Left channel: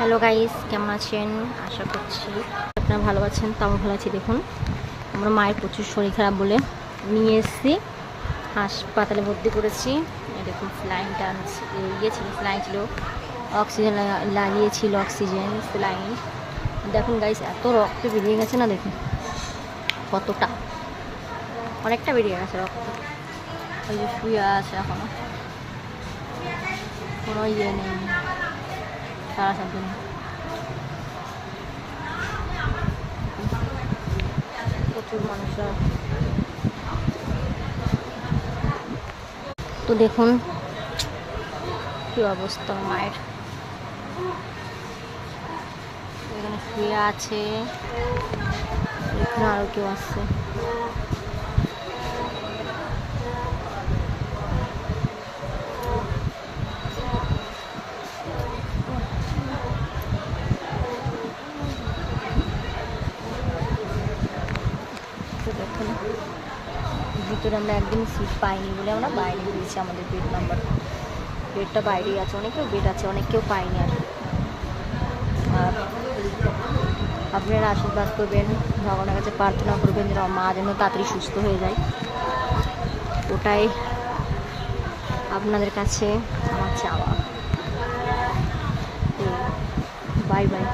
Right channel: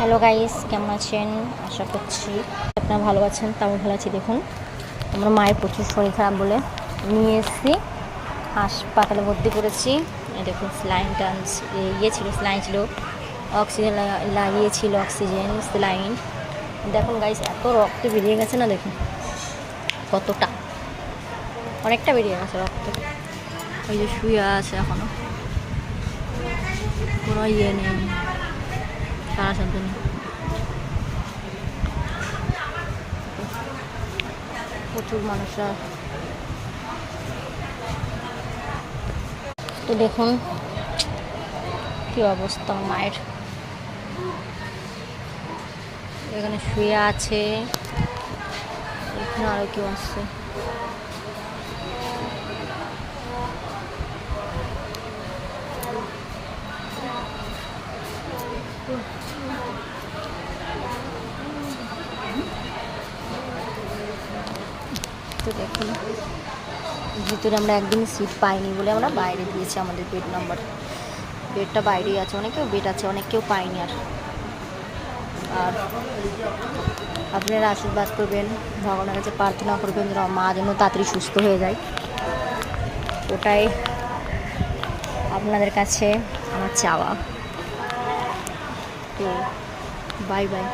Hello guys, কেমন আছেন? আশা করছি আপনারা ভালো আছেন। তাও ভালো আছি। দেখুন, আমরা মায়ের প্রচুর শরীর খারাপ বলে নিয়ে এসেছি, হাসপাতালে ভর্তি করেছি। দেখুন, স্লাইন টান্স ছিল, স্লাইন ছিল, অক্সিজেন লাগিয়েছিল, অক্সিজেন স্লাইন। দেখুন গাইস, এত রক্ত বেরিয়ে গেছে না, দেখুন কতটা, অনেকটা বেরিয়ে গেছে রক্ত। ওই যে শুয়ে আছে, এখনো কোনো ইয়ে নেই, সারা শব্দ নেই। প্রচুর মানুষরা, তো দেখুন কি অবস্থা মায়ের। এখানে শুয়ে আছে, এখানে আরো কেউ আসছে। তো দেখুন, ভিতরে আমরা একদিন সিট পাইনি বলে আমরা বাইরে দিয়েছি। আমাদের বেডটা বাইরেই আছে। অনেকেও বেড আছে, অনেকেও পাইনি। আর আপনারা আশীর্বাদ করবেন, ভগবানের কাছে প্রার্থনা করবেন যেন মা যেন তাড়াতাড়ি সুস্থ হয়ে যায়। ওটাই আপনাদের কাছে আমার চাওয়া। তো বাই বাই।